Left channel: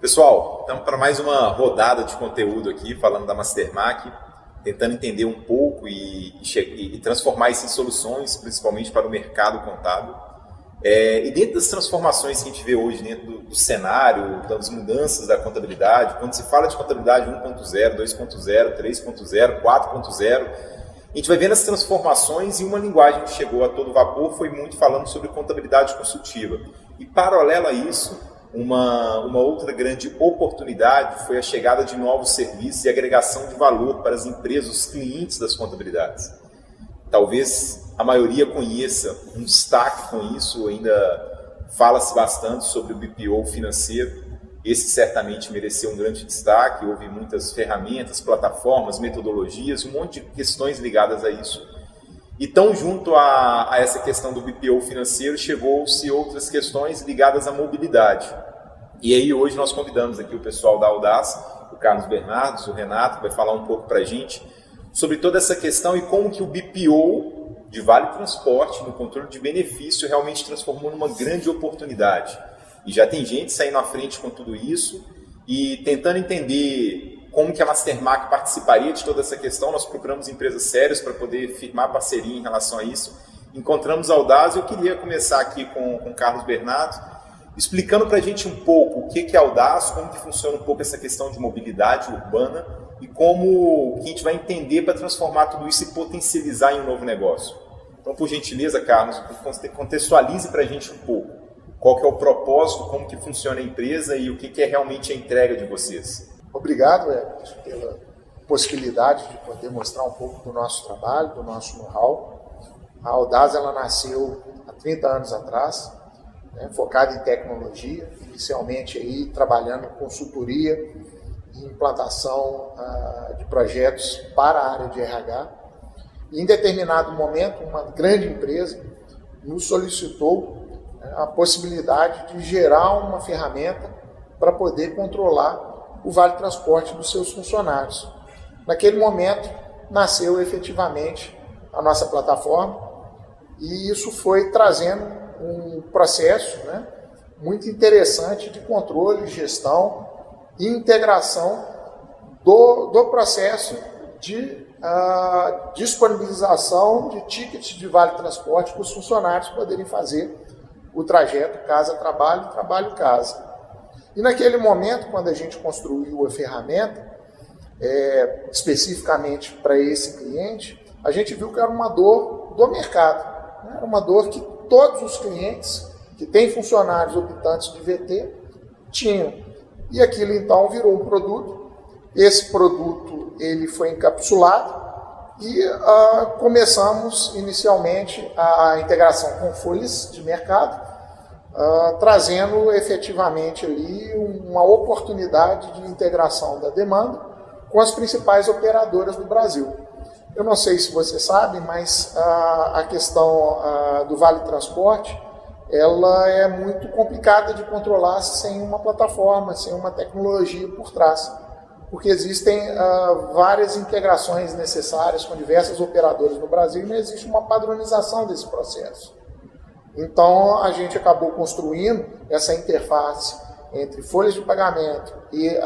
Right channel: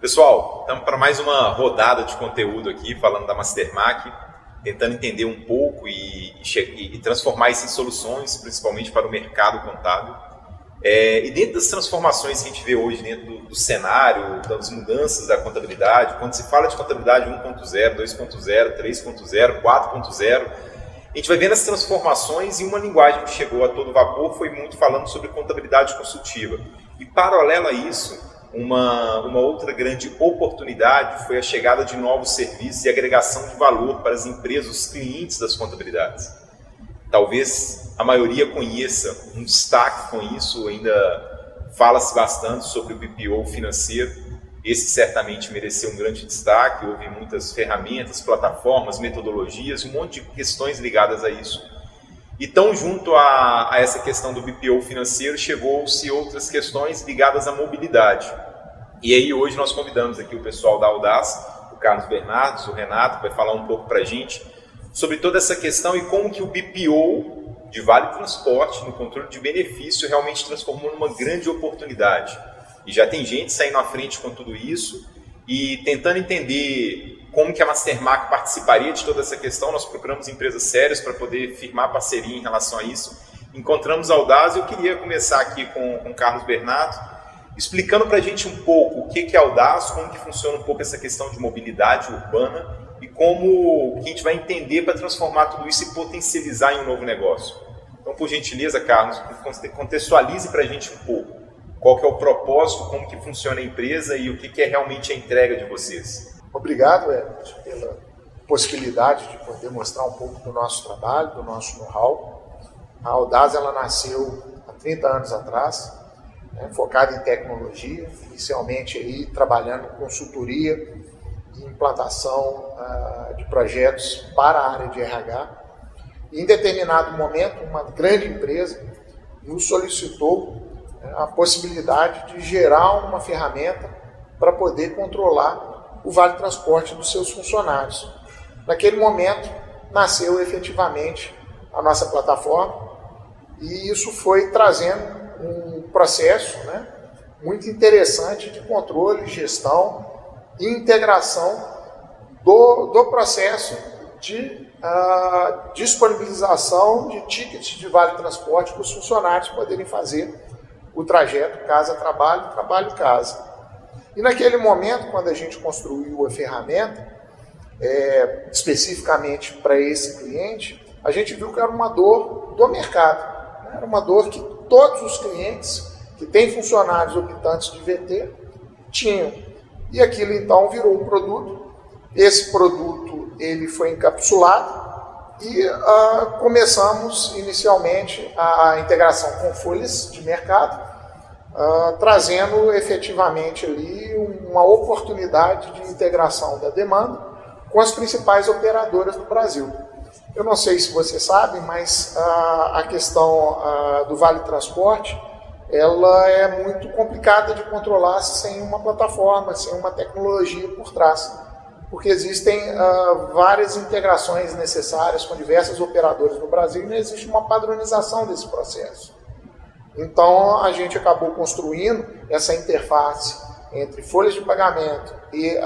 Pessoal, estamos para mais uma rodada de conteúdo aqui, falando da Mastermac, tentando entender um pouco e transformar isso em soluções, principalmente para o mercado contábil. E dentro das transformações que a gente vê hoje, dentro do cenário, das mudanças da contabilidade, quando se fala de contabilidade 1.0, 2.0, 3.0, 4.0, a gente vai vendo as transformações e uma linguagem que chegou a todo vapor foi muito falando sobre contabilidade consultiva. E paralelo a isso, uma outra grande oportunidade foi a chegada de novos serviços e agregação de valor para as empresas, os clientes das contabilidades. Talvez a maioria conheça um destaque com isso, ainda fala-se bastante sobre o BPO financeiro. Esse certamente mereceu um grande destaque, houve muitas ferramentas, plataformas, metodologias, um monte de questões ligadas a isso. Então, junto a essa questão do BPO financeiro, chegou-se outras questões ligadas à mobilidade. E aí, hoje, nós convidamos aqui o pessoal da Audaz, o Carlos Bernardes, o Renato, que vai falar um pouco para a gente sobre toda essa questão e como que o BPO de Vale Transporte, no controle de benefício, realmente transformou numa grande oportunidade. E já tem gente saindo à frente com tudo isso e tentando entender como que a Mastermac participaria de toda essa questão. Nós procuramos empresas sérias para poder firmar parceria em relação a isso. Encontramos a Audaz e eu queria começar aqui com o Carlos Bernardo, explicando para a gente um pouco o que é a Audaz, como que funciona um pouco essa questão de mobilidade urbana e como que a gente vai entender para transformar tudo isso e potencializar em um novo negócio. Então, por gentileza, Carlos, contextualize para a gente um pouco qual que é o propósito, como que funciona a empresa e o que é realmente a entrega de vocês. Obrigado, Everton, pela possibilidade de poder mostrar um pouco do nosso trabalho, do nosso know-how. A Audaz ela nasceu há 30 anos atrás, focada em tecnologia, inicialmente aí, trabalhando em consultoria e implantação de projetos para a área de RH. E, em determinado momento, uma grande empresa nos solicitou a possibilidade de gerar uma ferramenta para poder controlar o Vale Transporte dos seus funcionários. Naquele momento, nasceu efetivamente a nossa plataforma e isso foi trazendo um processo muito interessante de controle, gestão e integração do processo de disponibilização de tickets de Vale Transporte para os funcionários poderem fazer o trajeto casa-trabalho, trabalho-casa. E naquele momento, quando a gente construiu a ferramenta, especificamente para esse cliente, a gente viu que era uma dor do mercado. Era uma dor que todos os clientes que têm funcionários optantes de VT tinham. E aquilo então virou um produto. Esse produto ele foi encapsulado e começamos inicialmente a integração com folhas de mercado, trazendo efetivamente ali uma oportunidade de integração da demanda com as principais operadoras do Brasil. Eu não sei se você sabe, mas a questão do Vale Transporte ela é muito complicada de controlar sem uma plataforma, sem uma tecnologia por trás, porque existem várias integrações necessárias com diversas operadoras no Brasil e não existe uma padronização desse processo. Então, a gente acabou construindo essa interface entre folhas de pagamento e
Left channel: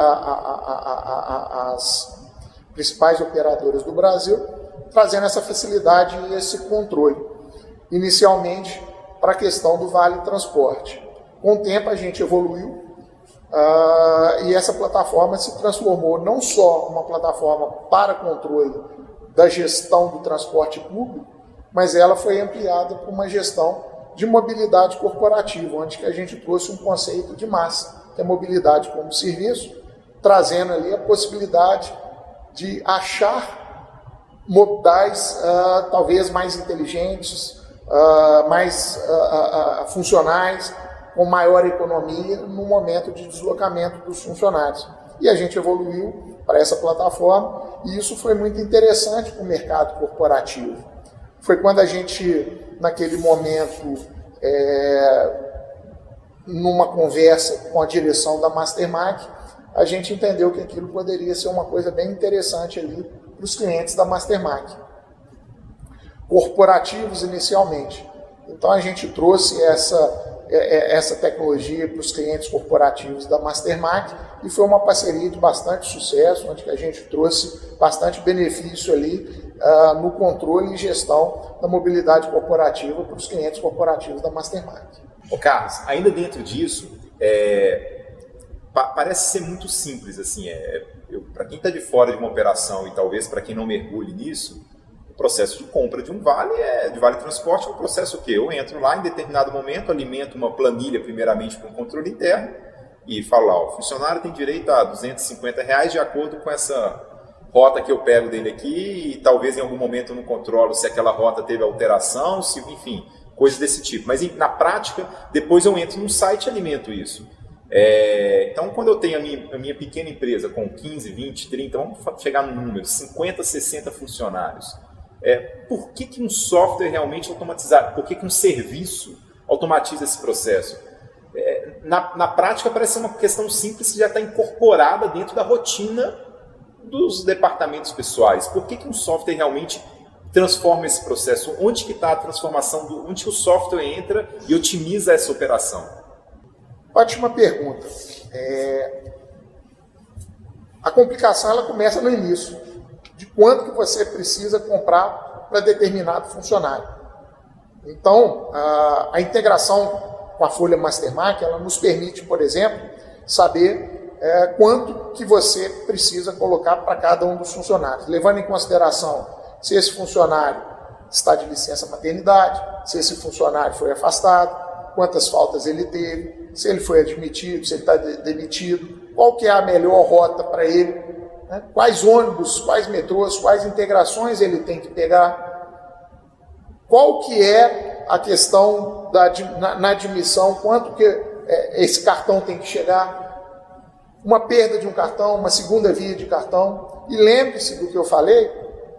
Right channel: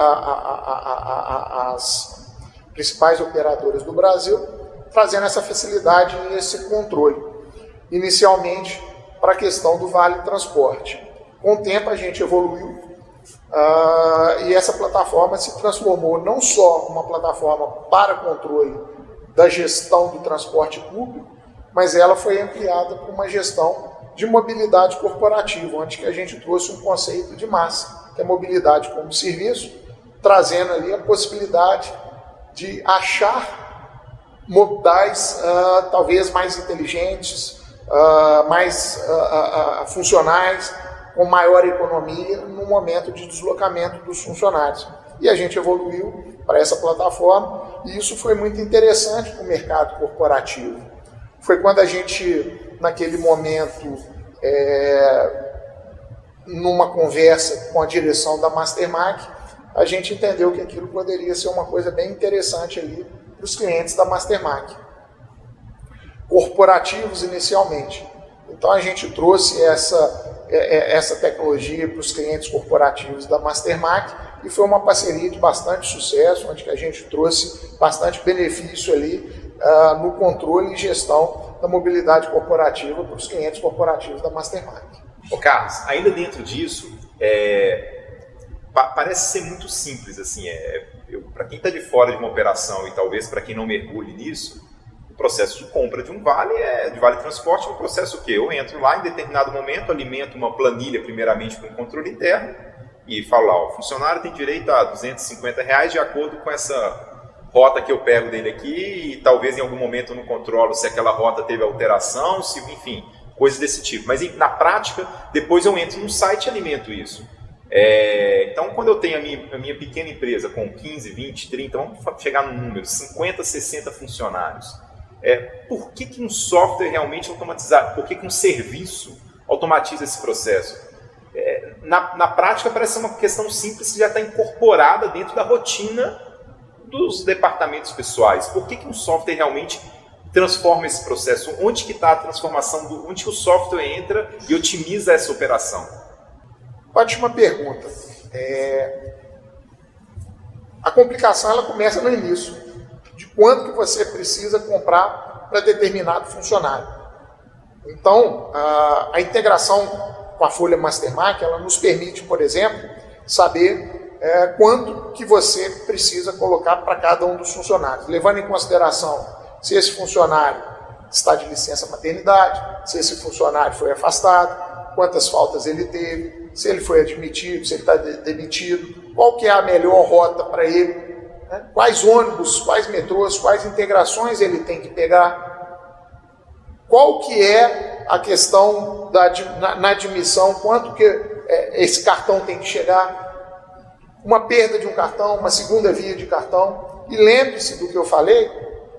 as principais operadoras do Brasil, trazendo essa facilidade e esse controle, inicialmente para a questão do Vale Transporte. Com o tempo, a gente evoluiu e essa plataforma se transformou não só uma plataforma para controle da gestão do transporte público, mas ela foi ampliada para uma gestão de mobilidade corporativa, onde a gente trouxe um conceito de massa, que é mobilidade como serviço, trazendo ali a possibilidade de achar modais talvez mais inteligentes, mais funcionais, com maior economia no momento de deslocamento dos funcionários. E a gente evoluiu para essa plataforma e isso foi muito interessante para o mercado corporativo. Foi quando a gente, naquele momento, numa conversa com a direção da Mastermac, a gente entendeu que aquilo poderia ser uma coisa bem interessante ali para os clientes da Mastermac, corporativos inicialmente. Então a gente trouxe essa tecnologia para os clientes corporativos da Mastermark, e foi uma parceria de bastante sucesso, onde que a gente trouxe bastante benefício ali no controle e gestão da mobilidade corporativa para os clientes corporativos da Mastermark. Ô Carlos, ainda dentro disso, parece ser muito simples, assim, para quem está de fora de uma operação e talvez para quem não mergulhe nisso, o processo de compra de um vale, de vale transporte, é um processo o quê? Eu entro lá em determinado momento, alimento uma planilha primeiramente com controle interno e falo lá, o funcionário tem direito a R$250 de acordo com essa rota que eu pego dele aqui e talvez em algum momento eu não controlo se aquela rota teve alteração, enfim, coisas desse tipo. Mas na prática, depois eu entro no site e alimento isso. Então, quando eu tenho a minha pequena empresa com 15, 20, 30, vamos chegar no número, 50, 60 funcionários, por que um software realmente automatizado, por que um serviço automatiza esse processo? Na prática, parece ser uma questão simples que já está incorporada dentro da rotina dos departamentos pessoais. Por que um software realmente transforma esse processo? Onde que está a transformação, onde que o software entra e otimiza essa operação? Ótima pergunta. A complicação ela começa no início, de quanto que você precisa comprar para determinado funcionário. Então, a integração com a folha Mastermark, ela nos permite, por exemplo, saber quanto que você precisa colocar para cada um dos funcionários, levando em consideração se esse funcionário está de licença maternidade, se esse funcionário foi afastado, quantas faltas ele teve, se ele foi admitido, se ele está demitido, qual que é a melhor rota para ele, né? Quais ônibus, quais metrôs, quais integrações ele tem que pegar, qual que é a questão na admissão, quanto que esse cartão tem que chegar, uma perda de um cartão, uma segunda via de cartão. E lembre-se do que eu falei,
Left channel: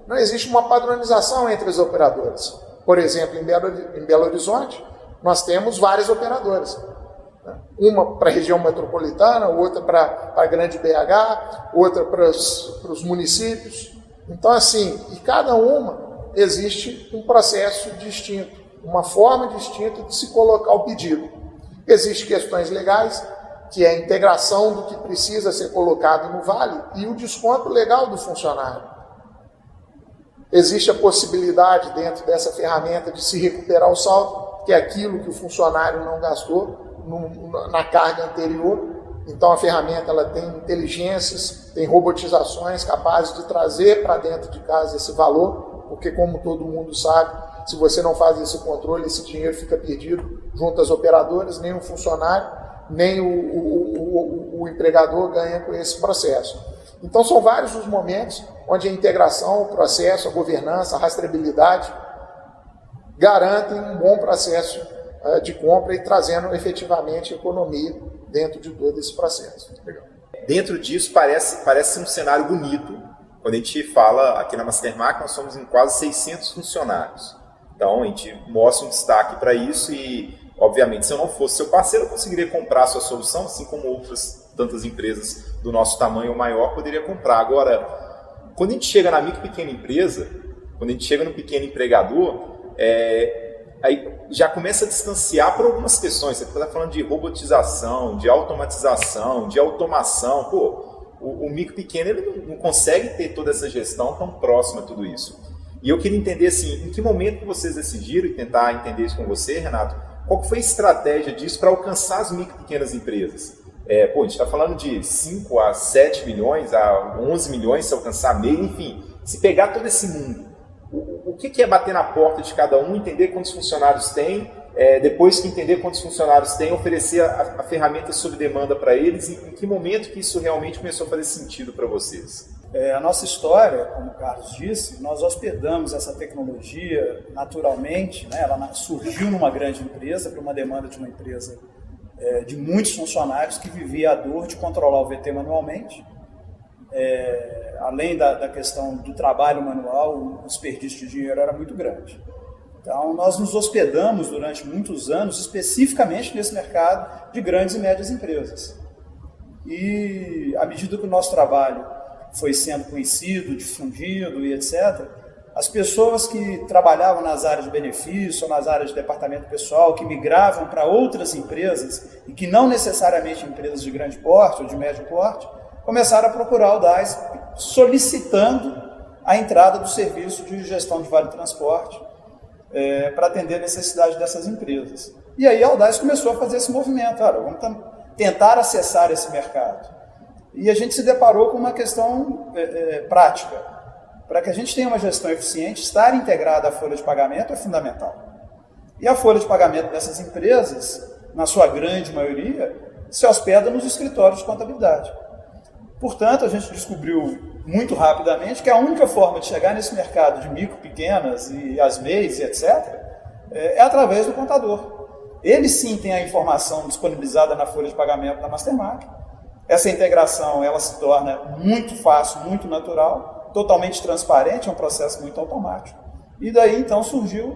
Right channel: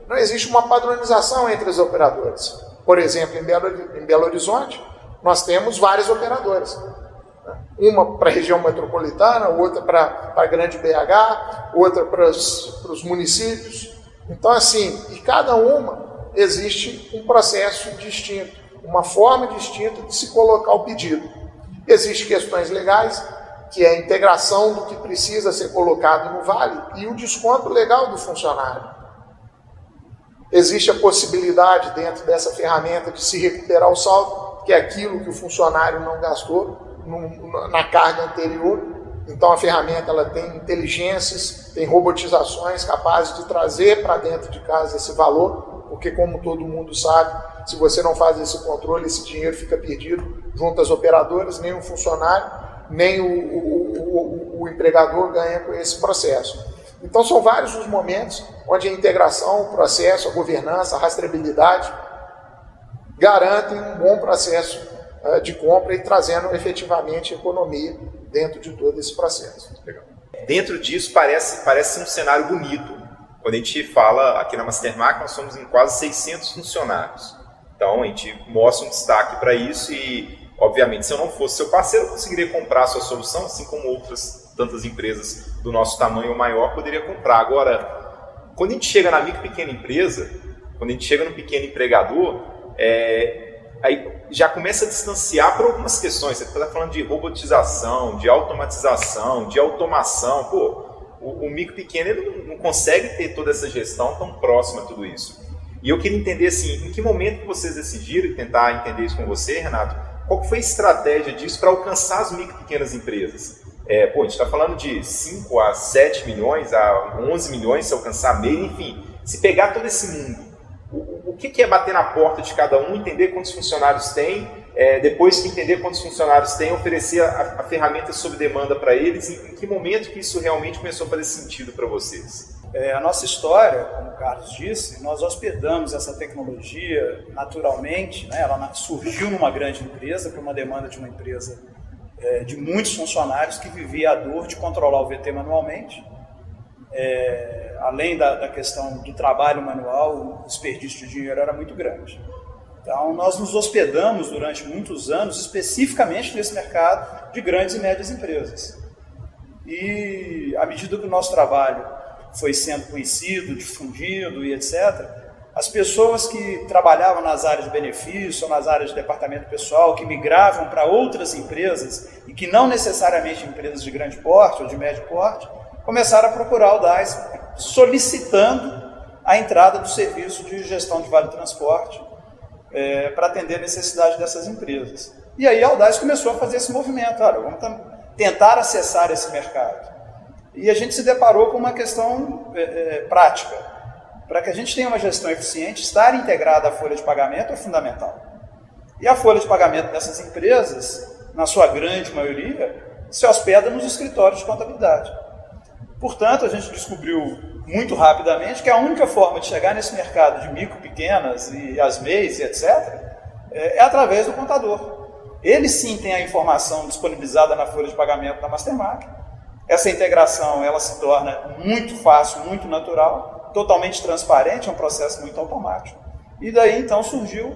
não existe uma padronização entre os operadores. Por exemplo, em Belo Horizonte, nós temos várias operadoras. Uma para a região metropolitana, outra para a grande BH, outra para os municípios. Então, assim, e cada uma existe um processo distinto, uma forma distinta de se colocar o pedido. Existem questões legais, que é a integração do que precisa ser colocado no vale e o desconto legal do funcionário. Existe a possibilidade dentro dessa ferramenta de se recuperar o saldo, que é aquilo que o funcionário não gastou na carga anterior. Então a ferramenta ela tem inteligências, tem robotizações capazes de trazer para dentro de casa esse valor, porque como todo mundo sabe, se você não faz esse controle, esse dinheiro fica perdido junto às operadoras, nem o funcionário, nem o empregador ganha com esse processo. Então são vários os momentos onde a integração, o processo, a governança, a rastreabilidade garantem um bom processo de compra e trazendo efetivamente economia dentro de todo esse processo. Legal. Dentro disso parece um cenário bonito. Quando a gente fala aqui na Mastermark, nós somos em quase 600 funcionários. Então a gente mostra um destaque para isso e, obviamente, se eu não fosse seu parceiro, eu conseguiria comprar a sua solução, assim como outras tantas empresas do nosso tamanho ou maior poderia comprar. Agora, quando a gente chega na micro e pequena empresa, quando a gente chega no pequeno empregador, aí já começa a distanciar por algumas questões. Você está falando de robotização, de automatização, de automação. O micro e pequeno ele não consegue ter toda essa gestão tão próxima a tudo isso. E eu queria entender assim, em que momento que vocês decidiram, e tentar entender isso com você, Renato, qual que foi a estratégia disso para alcançar as micro e pequenas empresas? A gente está falando de 5 a 7 milhões, a 11 milhões se alcançar meio, enfim, se pegar todo esse mundo, o que é bater na porta de cada um, entender quantos funcionários tem, depois que entender quantos funcionários tem, oferecer a ferramenta sob demanda para eles, em que momento que isso realmente começou a fazer sentido para vocês? A nossa história, como o Carlos disse, nós hospedamos essa tecnologia naturalmente, né? Ela surgiu numa grande empresa, por uma demanda de uma empresa de muitos funcionários que vivia a dor de controlar o VT manualmente. Além da questão do trabalho manual, o desperdício de dinheiro era muito grande. Então, nós nos hospedamos durante muitos anos, especificamente nesse mercado de grandes e médias empresas. E, à medida que o nosso trabalho foi sendo conhecido, difundido e etc., as pessoas que trabalhavam nas áreas de benefício ou nas áreas de departamento pessoal, que migravam para outras empresas e que não necessariamente empresas de grande porte ou de médio porte, começaram a procurar o DAS solicitando a entrada do serviço de gestão de vale transporte para atender a necessidade dessas empresas. E aí a Audaz começou a fazer esse movimento, vamos tentar acessar esse mercado. E a gente se deparou com uma questão prática. Para que a gente tenha uma gestão eficiente, estar integrada à folha de pagamento é fundamental. E a folha de pagamento dessas empresas, na sua grande maioria, se hospeda nos escritórios de contabilidade. Portanto, a gente descobriu muito rapidamente que a única forma de chegar nesse mercado de micro, pequenas e as MEIs, etc., é através do contador. Ele sim tem a informação disponibilizada na folha de pagamento da Mastermark. Essa integração ela se torna muito fácil, muito natural, totalmente transparente, é um processo muito automático. E daí então surgiu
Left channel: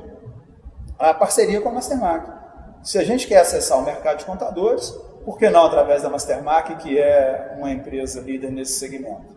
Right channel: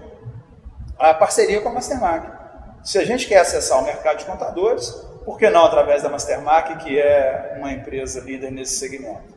a parceria com a Mastermark. Se a gente quer acessar o mercado de contadores, por que não através da Mastermark, que é uma empresa líder nesse segmento?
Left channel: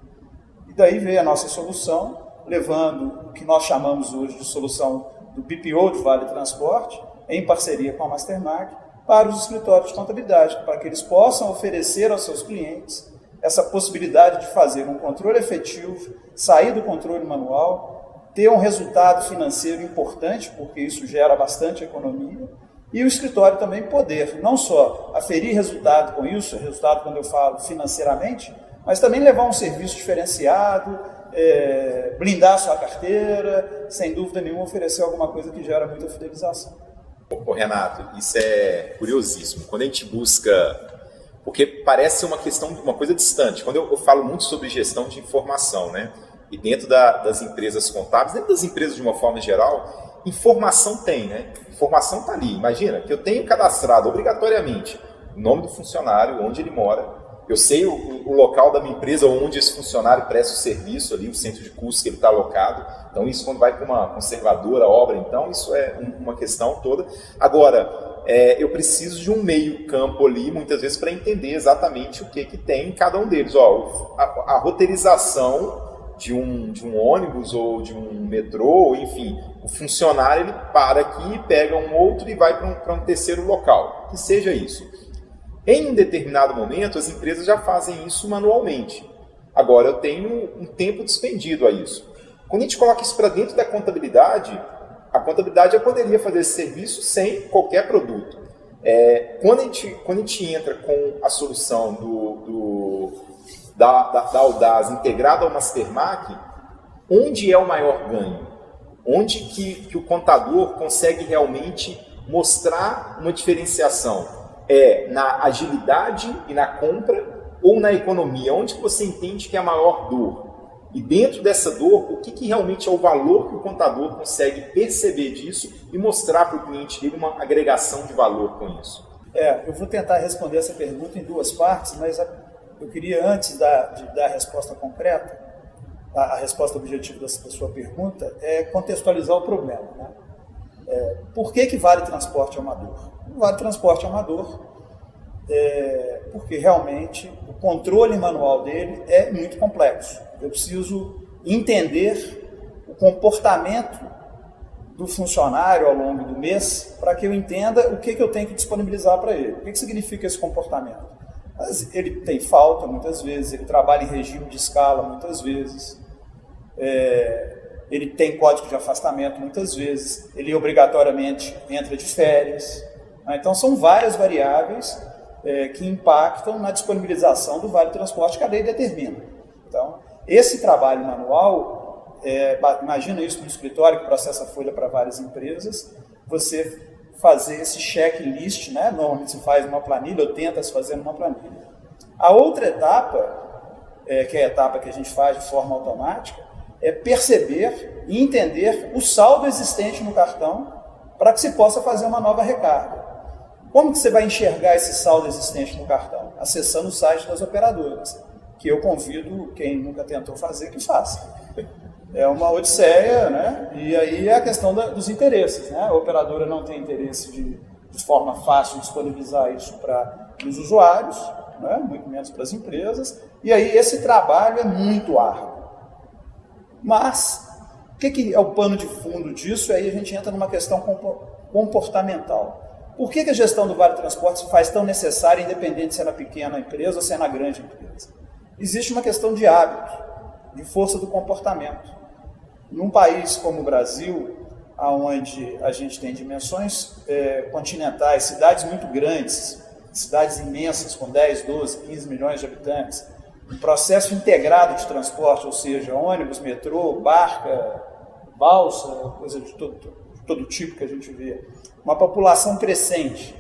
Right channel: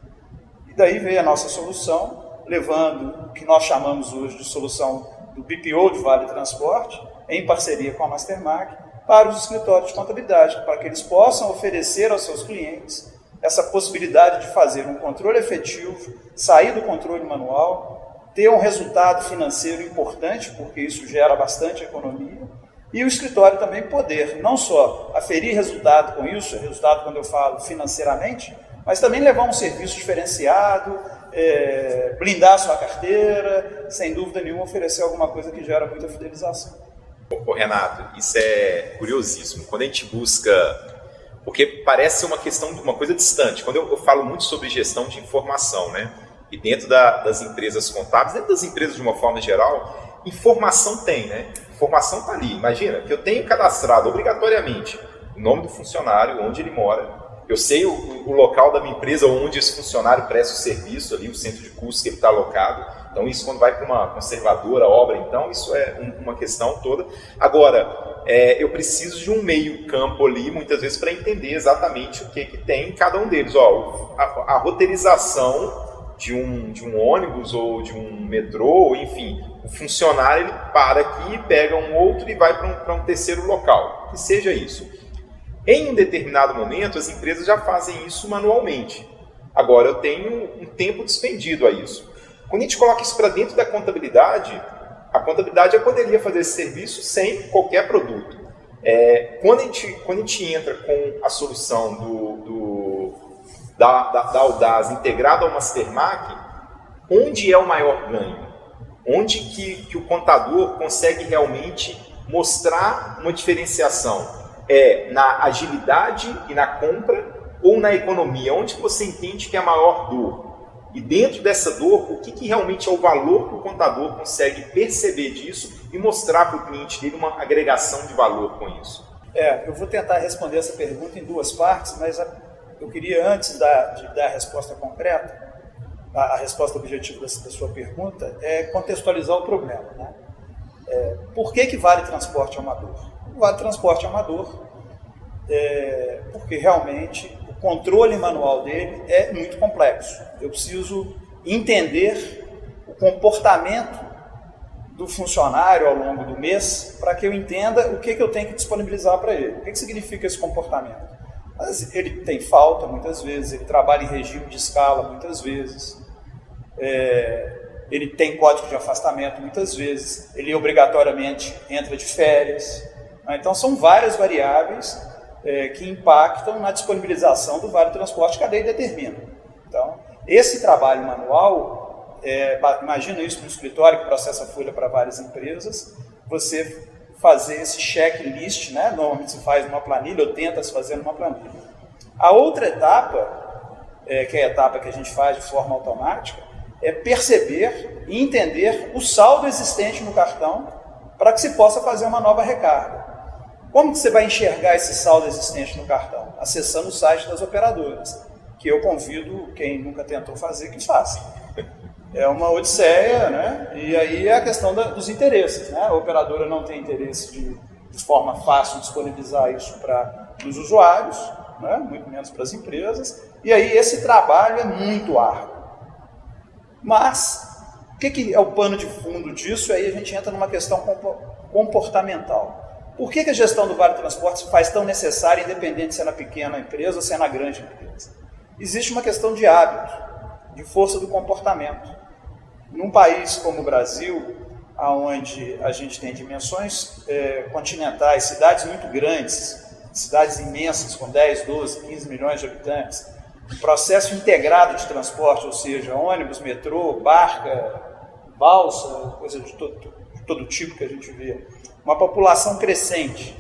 E daí veio a nossa solução, levando o que nós chamamos hoje de solução do BPO de Vale Transporte, em parceria com a Mastermark, para os escritórios de contabilidade, para que eles possam oferecer aos seus clientes essa possibilidade de fazer um controle efetivo, sair do controle manual, ter um resultado financeiro importante, porque isso gera bastante economia, e o escritório também poder não só aferir resultado com isso, resultado quando eu falo financeiramente, mas também levar um serviço diferenciado, blindar sua carteira, sem dúvida nenhuma oferecer alguma coisa que gera muita fidelização. Ô Renato, isso é curiosíssimo. Quando a gente busca, porque parece uma questão, uma coisa distante. Quando eu falo muito sobre gestão de informação, né? E dentro das empresas contábeis, dentro das empresas de uma forma geral, informação tem, né? Informação está ali. Imagina que eu tenho cadastrado obrigatoriamente o nome do funcionário, onde ele mora. Eu sei o local da minha empresa onde esse funcionário presta o serviço ali, o centro de custos que ele está alocado. Então isso quando vai para uma conservadora obra, então isso é uma questão toda. Agora, eu preciso de um meio campo ali, muitas vezes, para entender exatamente o que tem em cada um deles. A roteirização de um ônibus ou de um metrô, enfim, o funcionário ele para aqui, pega um outro e vai para um terceiro local, que seja isso. Em um determinado momento, as empresas já fazem isso manualmente. Agora, eu tenho um tempo despendido a isso. Quando a gente coloca isso para dentro da contabilidade, a contabilidade já poderia fazer esse serviço sem qualquer produto. Quando a gente entra com a solução da Audaz integrada ao Mastermark, onde é o maior ganho? Onde que o contador consegue realmente mostrar uma diferenciação? Na agilidade e na compra ou na economia? Onde que você entende que é a maior dor? E dentro dessa dor, o que realmente é o valor que o contador consegue perceber disso e mostrar para o cliente dele uma agregação de valor com isso? Eu vou tentar responder essa pergunta em duas partes, mas eu queria, antes de dar a resposta concreta, a resposta objetiva da sua pergunta, contextualizar o problema. Né? Por que Vale Transporte é uma dor? O Vale Transporte é uma dor porque realmente o controle manual dele é muito complexo. Eu preciso entender o comportamento do funcionário ao longo do mês para que eu entenda o que eu tenho que disponibilizar para ele. O que significa esse comportamento? Mas ele tem falta muitas vezes, ele trabalha em regime de escala muitas vezes, ele tem código de afastamento muitas vezes, ele obrigatoriamente entra de férias. Então são várias variáveis que impactam na disponibilização do Vale Transporte que a lei determina. Então, esse trabalho manual, imagina isso no escritório que processa a folha para várias empresas, você fazer esse checklist, né? Normalmente se faz numa planilha ou tenta se fazer numa planilha. A outra etapa, que é a etapa que a gente faz de forma automática, é perceber e entender o saldo existente no cartão para que se possa fazer uma nova recarga. Como que você vai enxergar esse saldo existente no cartão? Acessando o site das operadoras, que eu convido quem nunca tentou fazer que faça. É uma odisseia, né? E aí é a questão dos interesses, né? A operadora não tem interesse de forma fácil disponibilizar isso para os usuários, né? Muito menos para as empresas, e aí esse trabalho é muito árduo. Mas que é o pano de fundo disso? Aí a gente entra numa questão comportamental. Por que a gestão do Vale Transporte se faz tão necessária, independente se é na pequena empresa ou se é na grande empresa? Existe uma questão de hábito, de força do comportamento. Num país como o Brasil, onde a gente tem dimensões continentais, cidades muito grandes, cidades imensas com 10, 12, 15 milhões de habitantes, um processo integrado de transporte, ou seja, ônibus, metrô, barca, balsa, coisa de todo tipo que a gente vê, uma população crescente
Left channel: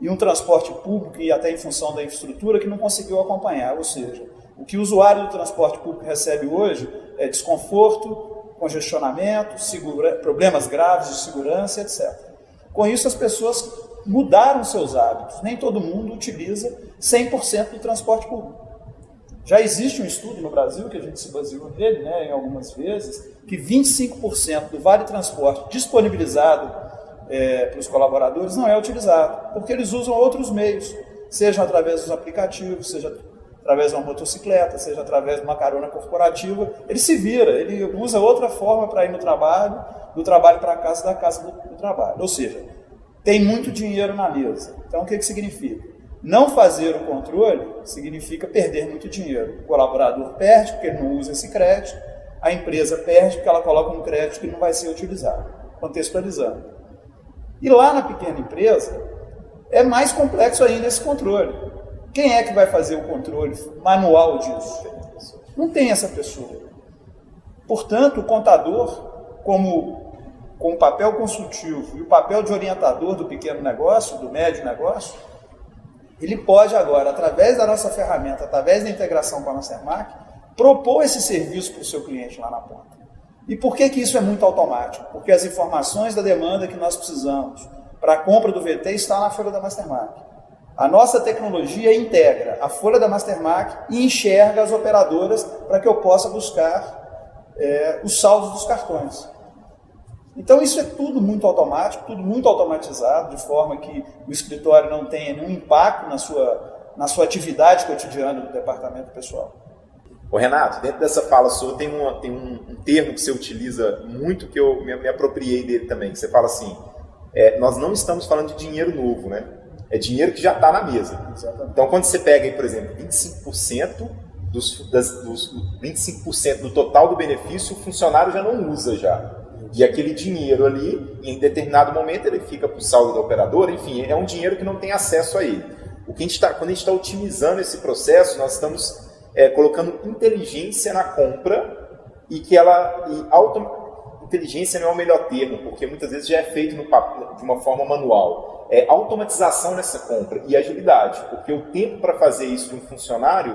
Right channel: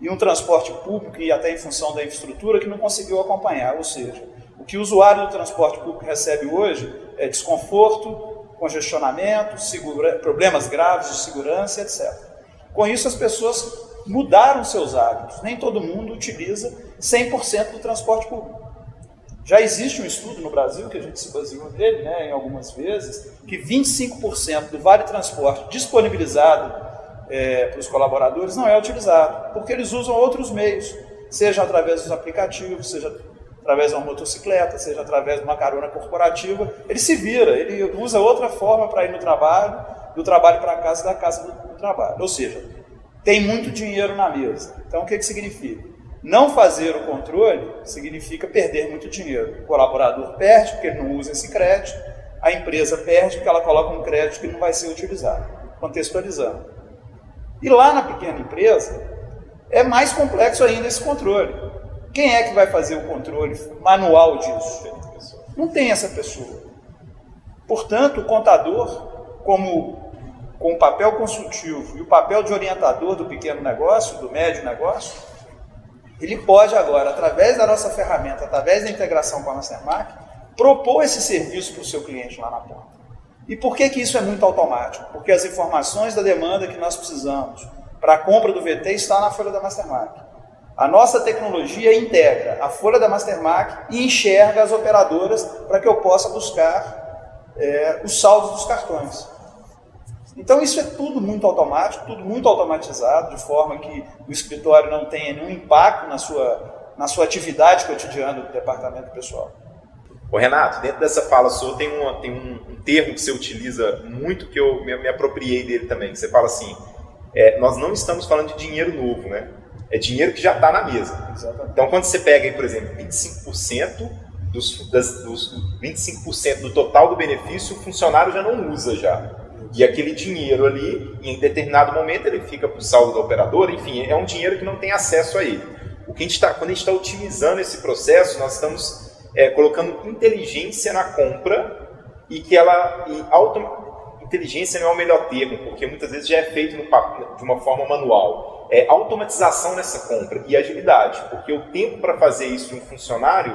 e um transporte público, e até em função da infraestrutura, que não conseguiu acompanhar. Ou seja, o que o usuário do transporte público recebe hoje é desconforto, congestionamento, problemas graves de segurança, etc. Com isso, as pessoas mudaram seus hábitos. Nem todo mundo utiliza 100% do transporte público. Já existe um estudo no Brasil, que a gente se baseou nele, né, em algumas vezes, que 25% do Vale Transporte disponibilizado para os colaboradores não é utilizado, porque eles usam outros meios, seja através dos aplicativos, seja através de uma motocicleta, seja através de uma carona corporativa. Ele se vira, ele usa outra forma para ir no trabalho, do trabalho para casa e da casa do trabalho. Ou seja, tem muito dinheiro na mesa. Então, o que significa? Não fazer o controle significa perder muito dinheiro. O colaborador perde porque ele não usa esse crédito, a empresa perde porque ela coloca um crédito que não vai ser utilizado, contextualizando. E lá na pequena empresa, é mais complexo ainda esse controle. Quem é que vai fazer o controle manual disso? Não tem essa pessoa. Portanto, o contador, com o papel consultivo e o papel de orientador do pequeno negócio, do médio negócio, ele pode agora, através da nossa ferramenta, através da integração com a Mastermark, propor esse serviço para o seu cliente lá na ponta. E por que isso é muito automático? Porque as informações da demanda que nós precisamos para a compra do VT está na folha da Mastermark. A nossa tecnologia integra a folha da Mastermark e enxerga as operadoras para que eu possa buscar os saldos dos cartões. Então isso é tudo muito automático, tudo muito automatizado, de forma que o escritório não tenha nenhum impacto na sua atividade cotidiana do departamento pessoal. Ô Renato, dentro dessa fala sua tem um termo que você utiliza muito, que eu me apropriei dele também, que você fala assim, nós não estamos falando de dinheiro novo, né? É dinheiro que já está na mesa. Exatamente. Então, quando você pega aí, por exemplo, 25% dos 25% do total do benefício, o funcionário já não usa já. E aquele dinheiro ali, em determinado momento, ele fica para o saldo da operadora, enfim, é um dinheiro que não tem acesso a ele. Quando a gente está otimizando esse processo, nós estamos colocando inteligência na compra inteligência não é o melhor termo, porque muitas vezes já é feito de uma forma manual. É automatização nessa compra e agilidade, porque o tempo para fazer isso de um funcionário,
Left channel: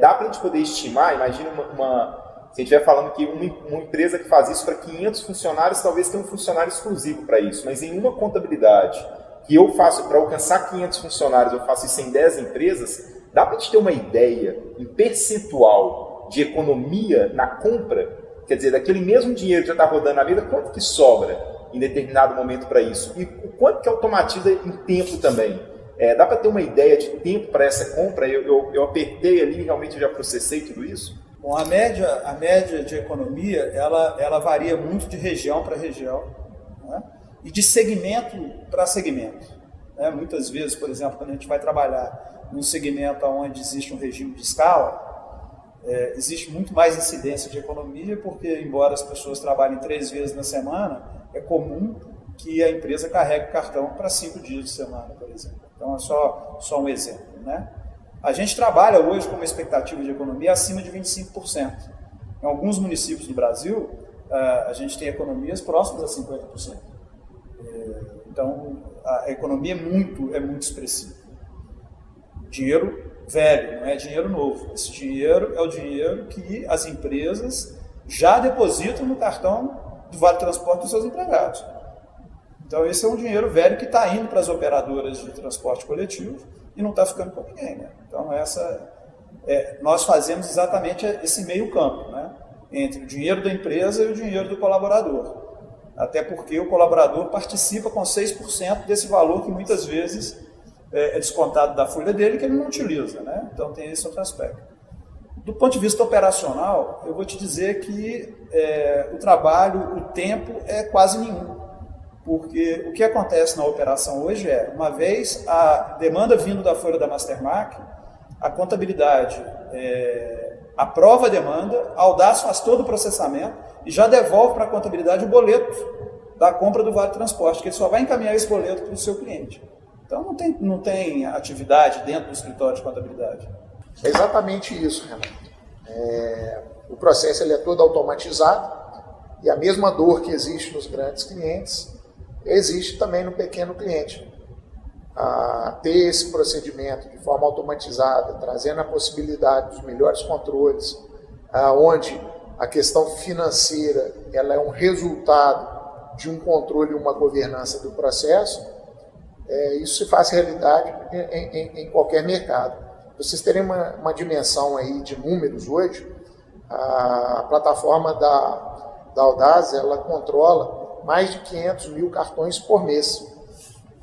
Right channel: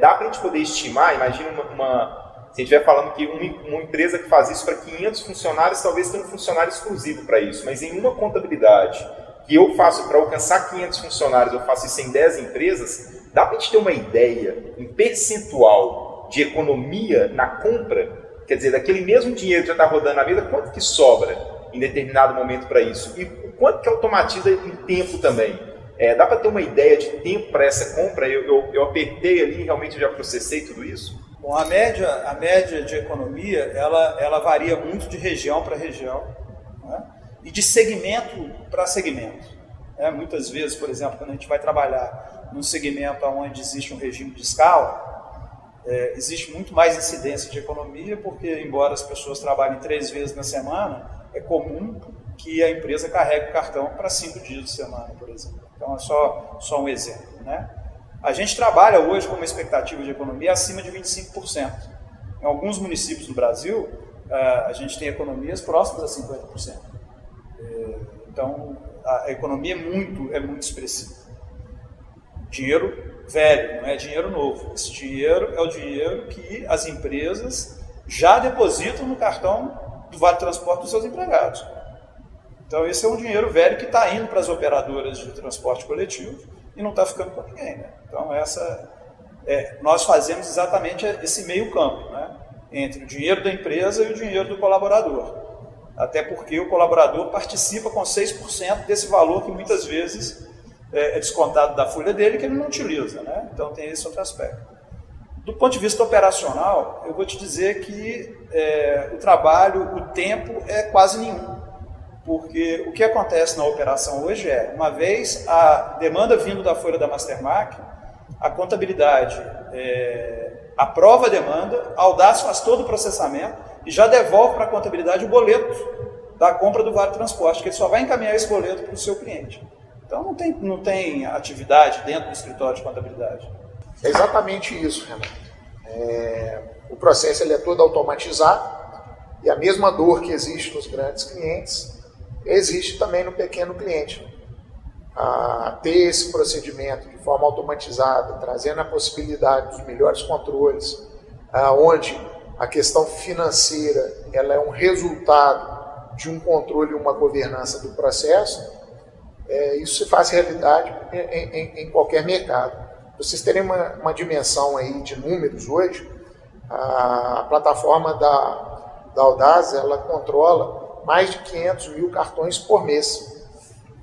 dá para a gente poder estimar, imagina se a gente estiver falando que uma empresa que faz isso para 500 funcionários, talvez tenha um funcionário exclusivo para isso, mas em uma contabilidade que eu faço para alcançar 500 funcionários, eu faço isso em 10 empresas, dá para a gente ter uma ideia em percentual de economia na compra, quer dizer, daquele mesmo dinheiro que já está rodando na mesa, quanto que sobra em determinado momento para isso? E o quanto que automatiza em tempo também? Dá para ter uma ideia de tempo para essa compra? Eu apertei ali e realmente já processei tudo isso? Bom, a média de economia, ela varia muito de região para região, né? E de segmento para segmento. Né? Muitas vezes, por exemplo, quando a gente vai trabalhar num segmento onde existe um regime de escala, existe muito mais incidência de economia, porque, embora as pessoas trabalhem 3 vezes na semana, é comum que a empresa carregue o cartão para 5 dias de semana, por exemplo. Então, é só um exemplo, né? A gente trabalha hoje com uma expectativa de economia acima de 25%. Em alguns municípios do Brasil, a gente tem economias próximas a 50%. Então, a economia é muito expressiva. Dinheiro velho, não é dinheiro novo. Esse dinheiro é o dinheiro que as empresas já depositam no cartão do Vale Transporte dos seus empregados. Então, esse é um dinheiro velho que está indo para as operadoras de transporte coletivo e não está ficando com ninguém, né? Então, nós fazemos exatamente esse meio campo, né? Entre o dinheiro da empresa e o dinheiro do colaborador. Até porque o colaborador participa com 6% desse valor que muitas vezes é descontado da folha dele, que ele não utiliza, né? Então tem esse outro aspecto. Do ponto de vista operacional, eu vou te dizer que o trabalho, o tempo é quase nenhum. Porque o que acontece na operação hoje é, uma vez a demanda vindo da folha da Mastermark, a contabilidade aprova a demanda, a Audaz faz todo o processamento e já devolve para a contabilidade o boleto da compra do Vale Transporte, que ele só vai encaminhar esse boleto para o seu cliente. Então não tem atividade dentro do escritório de contabilidade. É exatamente isso, Renato. O processo ele é todo automatizado e a mesma dor que existe nos grandes clientes existe também no pequeno cliente. Ter esse procedimento de forma automatizada, trazendo a possibilidade dos melhores controles, onde a questão financeira ela é um resultado de um controle e uma governança do processo, isso se faz realidade em qualquer mercado. Para vocês terem uma dimensão aí de números hoje, a plataforma da Audaz ela controla mais de 500 mil cartões por mês,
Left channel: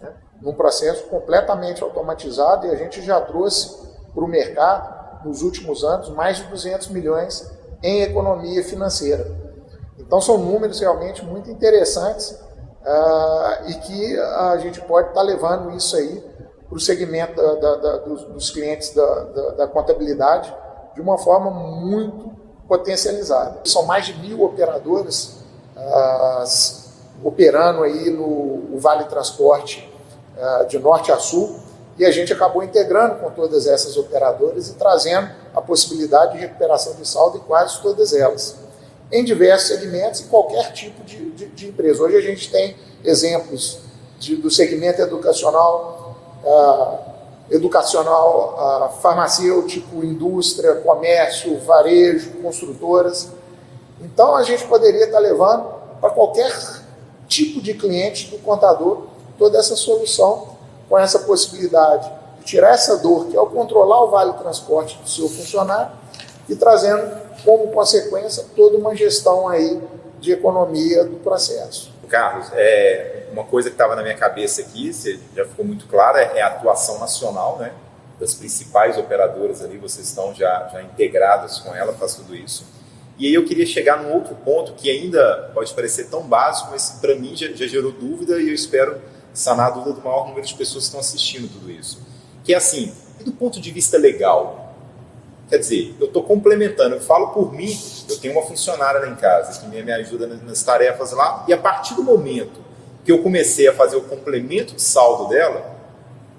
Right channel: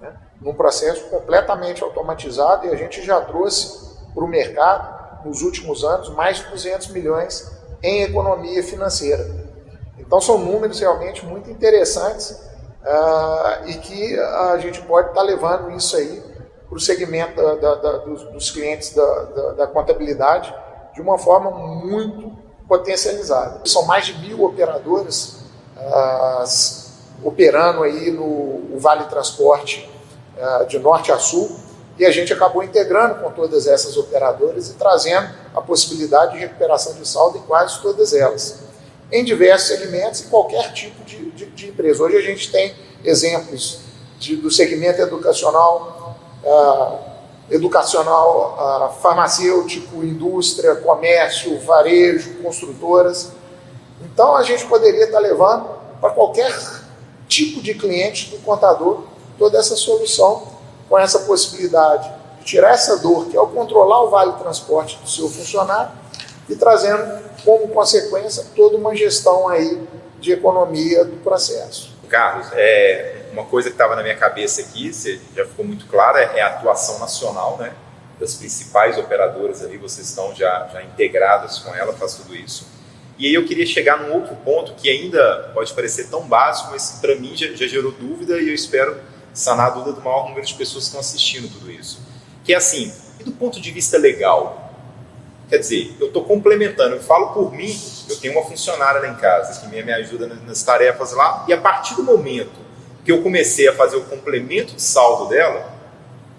né? Num processo completamente automatizado, e a gente já trouxe para o mercado, nos últimos anos, mais de 200 milhões em economia financeira. Então são números realmente muito interessantes e que a gente pode estar levando isso aí para o segmento dos clientes da contabilidade de uma forma muito potencializada. São mais de 1.000 operadores operando aí no Vale Transporte de norte a sul, e a gente acabou integrando com todas essas operadoras e trazendo a possibilidade de recuperação de saldo em quase todas elas, em diversos segmentos e qualquer tipo de empresa. Hoje a gente tem exemplos do segmento educacional, farmacêutico, indústria, comércio, varejo, construtoras. Então a gente poderia estar levando para qualquer tipo de cliente do contador toda essa solução, com essa possibilidade de tirar essa dor, que é o controlar o Vale Transporte do seu funcionário, e trazendo como consequência toda uma gestão aí de economia do processo. Carlos, uma coisa que estava na minha cabeça aqui, já ficou muito clara, é a atuação nacional, né, das principais operadoras ali, vocês estão já integradas com ela, faz tudo isso. E aí eu queria chegar num outro ponto que ainda pode parecer tão básico, mas para mim já gerou dúvida, e eu espero sanar a dúvida do maior número de pessoas que estão assistindo tudo isso. Que é assim, e do ponto de vista legal? Quer dizer, eu estou complementando, eu falo por mim, eu tenho uma funcionária lá em casa que me ajuda nas tarefas lá, e a partir do momento que eu comecei a fazer o complemento de saldo dela,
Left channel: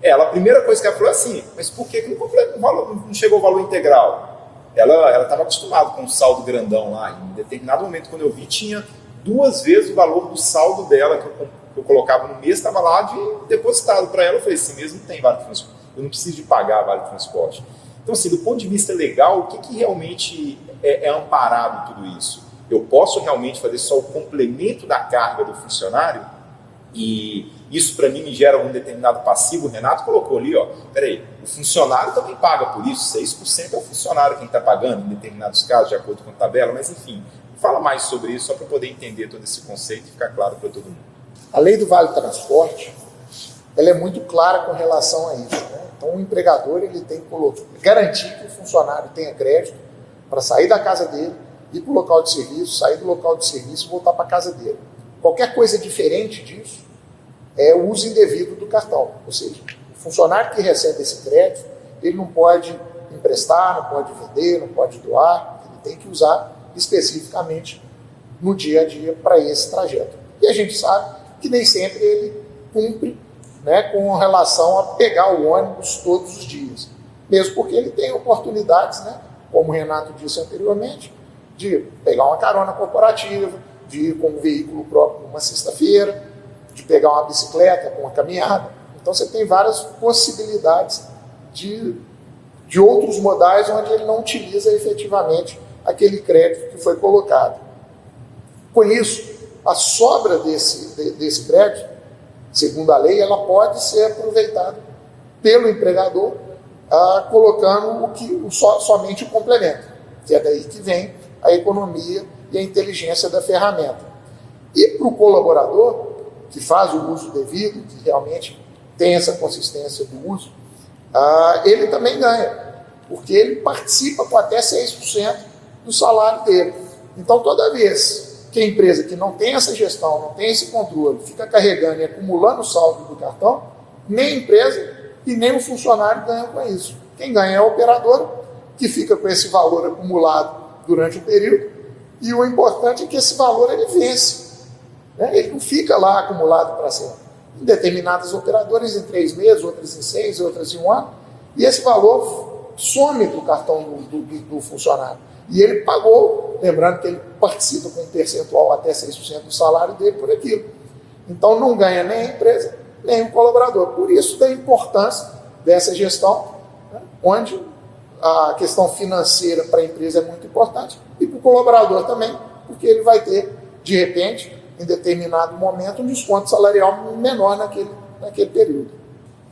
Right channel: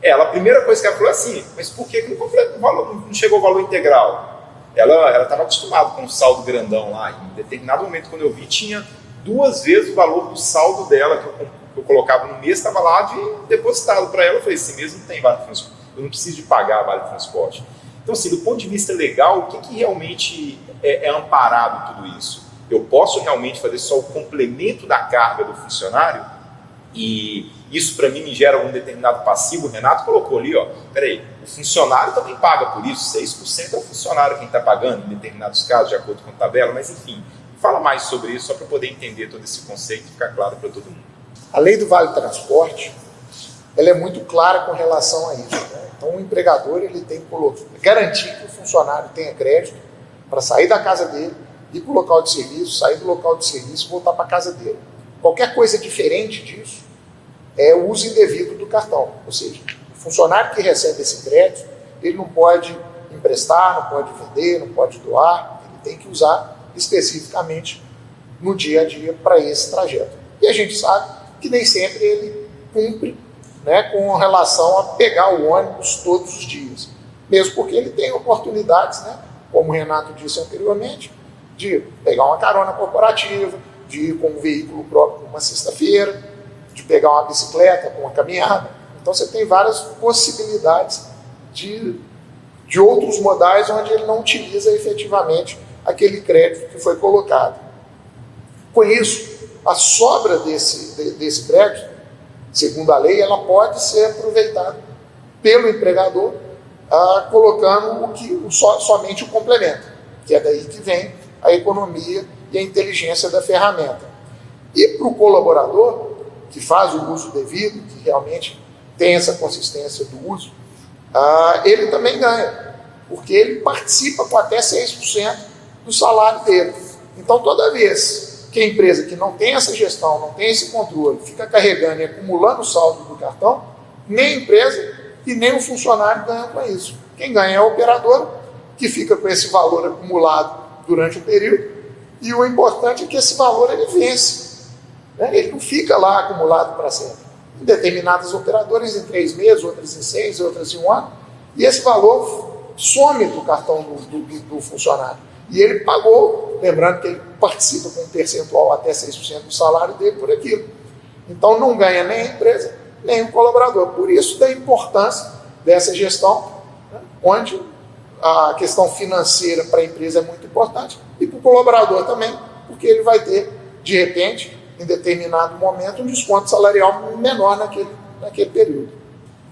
a primeira coisa que ela falou é assim, mas por que não chegou o valor integral? Ela estava acostumada com um saldo grandão lá, em determinado momento, quando eu vi, tinha 2 vezes o valor do saldo dela, que eu colocava no mês, estava lá depositado para ela. Eu falei, esse mês não tem Vale Transporte, eu não preciso de pagar Vale Transporte. Então, assim, do ponto de vista legal, o que realmente é amparado tudo isso? Eu posso realmente fazer só o complemento da carga do funcionário? E isso, para mim, me gera um determinado passivo. O Renato colocou ali, peraí, o funcionário também paga por isso, 6% é o funcionário quem está pagando, em determinados casos, de acordo com a tabela, mas enfim, fala mais sobre isso, só para poder entender todo esse conceito e ficar claro para todo mundo. A lei do Vale Transporte, ela é muito clara com relação a isso, né? Então o empregador ele tem que garantir que o funcionário tenha crédito para sair da casa dele, ir para o local de serviço, sair do local de serviço e voltar para a casa dele. Qualquer coisa diferente disso é o uso indevido do cartão, ou seja, o funcionário que recebe esse crédito, ele não pode emprestar, não pode vender, não pode doar, ele tem que usar especificamente no dia a dia para esse trajeto. E a gente sabe que nem sempre ele cumpre, né, com relação a pegar o ônibus todos os dias, mesmo porque ele tem oportunidades, né, como o Renato disse anteriormente, de pegar uma carona corporativa, de ir com um veículo próprio numa sexta-feira, de pegar uma bicicleta com uma caminhada. Então você tem várias possibilidades de outros modais onde ele não utiliza efetivamente aquele crédito que foi colocado. Com isso, a sobra desse crédito, segundo a lei, ela pode ser aproveitada pelo empregador, colocando somente o complemento, que é daí que vem a economia e a inteligência da ferramenta. E para o colaborador, que faz o uso devido, que realmente tem essa consistência do uso, ele também ganha, porque ele participa com até 6% do salário dele. Então, toda vez que a empresa que não tem essa gestão, não tem esse controle, fica carregando e acumulando o saldo do cartão, nem a empresa e nem o funcionário ganham com isso. Quem ganha é a operadora, que fica com esse valor acumulado durante o período, e o importante é que esse valor ele vence. Ele não fica lá acumulado para sempre. Em determinadas operadoras, em 3 meses, outras em 6, outras em 1 ano, e esse valor some do cartão do funcionário. E ele pagou, lembrando que ele participa com um percentual até 6% do salário dele por aquilo. Então não ganha nem a empresa, nem o colaborador. Por isso da importância dessa gestão, onde a questão financeira para a empresa é muito importante e para o colaborador também, porque ele vai ter, de repente, em determinado momento, um desconto salarial menor naquele período.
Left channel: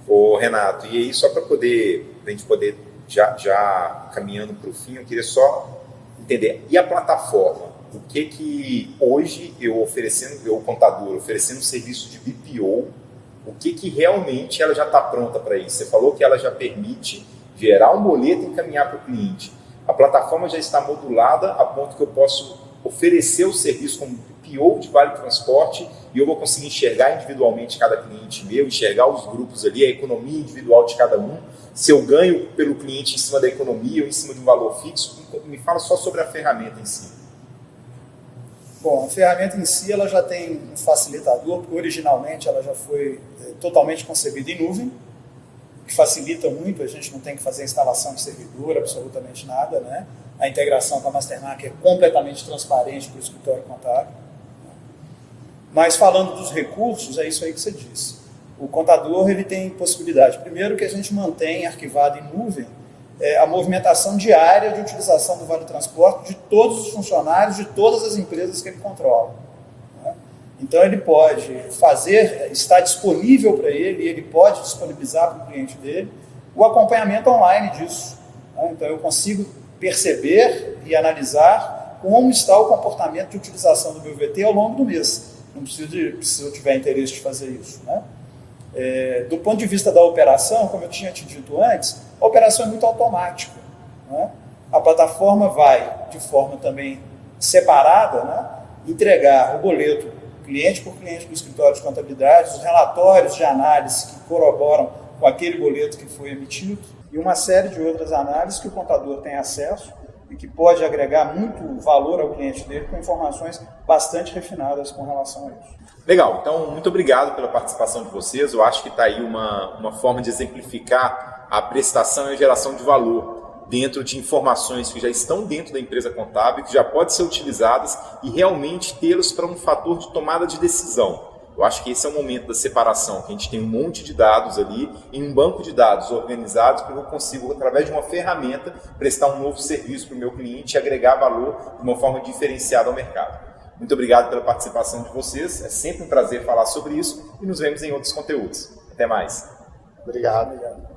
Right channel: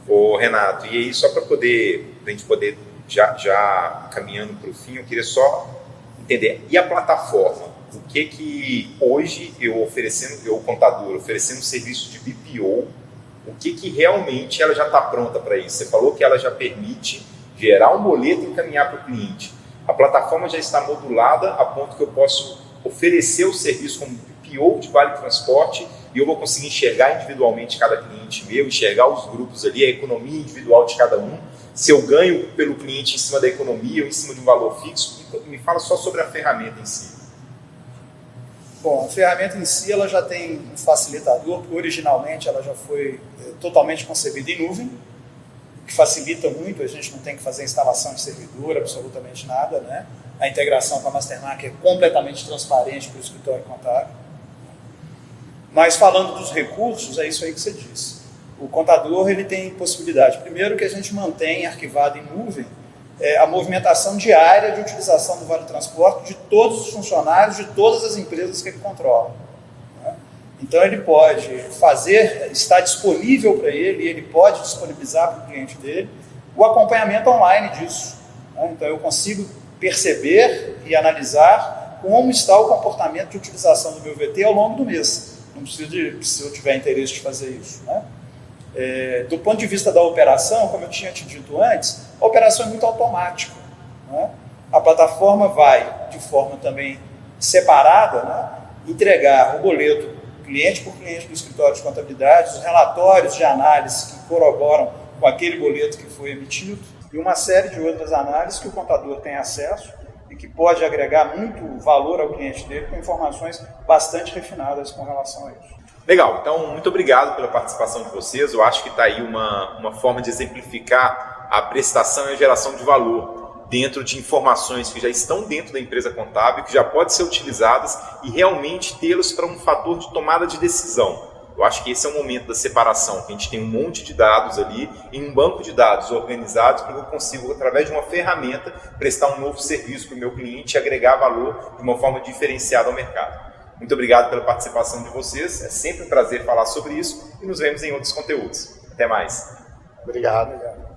Ô Renato, e aí só para a gente poder já caminhando para o fim, eu queria só entender, e a plataforma? O que hoje eu contador, oferecendo serviço de BPO, o que realmente ela já está pronta para isso? Você falou que ela já permite gerar um boleto e encaminhar para o cliente. A plataforma já está modulada a ponto que eu posso oferecer o serviço como BPO de Vale Transporte e eu vou conseguir enxergar individualmente cada cliente meu, enxergar os grupos ali, a economia individual de cada um, se eu ganho pelo cliente em cima da economia ou em cima de um valor fixo. Me fala só sobre a ferramenta em si. Bom, a ferramenta em si ela já tem um facilitador, porque originalmente ela já foi totalmente concebida em nuvem, que facilita muito, a gente não tem que fazer instalação de servidor, absolutamente nada, né? A integração com a Mastermark é completamente transparente para o escritório contábil. Mas falando dos recursos, é isso aí que você disse. O contador ele tem possibilidade, primeiro, que a gente mantém arquivado em nuvem a movimentação diária de utilização do Vale Transporte de todos os funcionários de todas as empresas que ele controla. Né? Então ele pode está disponível para ele, e ele pode disponibilizar para o cliente dele o acompanhamento online disso. Né? Então eu consigo perceber e analisar como está o comportamento de utilização do meu VT ao longo do mês. Não preciso se eu tiver interesse de fazer isso. Né? Do ponto de vista da operação, como eu tinha te dito antes, a operação é muito automática. Né? A plataforma vai, de forma também separada, né, entregar o boleto cliente por cliente do escritório de contabilidade, os relatórios de análise que corroboram com aquele boleto que foi emitido e uma série de outras análises que o contador tem acesso e que pode agregar muito valor ao cliente dele com informações bastante refinadas com relação a isso. Legal, então muito obrigado pela participação de vocês. Eu acho que está aí uma forma de exemplificar a prestação e a geração de valor dentro de informações que já estão dentro da empresa contábil, que já podem ser utilizadas e realmente tê-los para um fator de tomada de decisão. Eu acho que esse é o momento da separação, que a gente tem um monte de dados ali em um banco de dados organizados para que eu consiga, através de uma ferramenta, prestar um novo serviço para o meu cliente e agregar valor de uma forma diferenciada ao mercado. Muito obrigado pela participação de vocês, é sempre um prazer falar sobre isso e nos vemos em outros conteúdos. Até mais. Obrigado.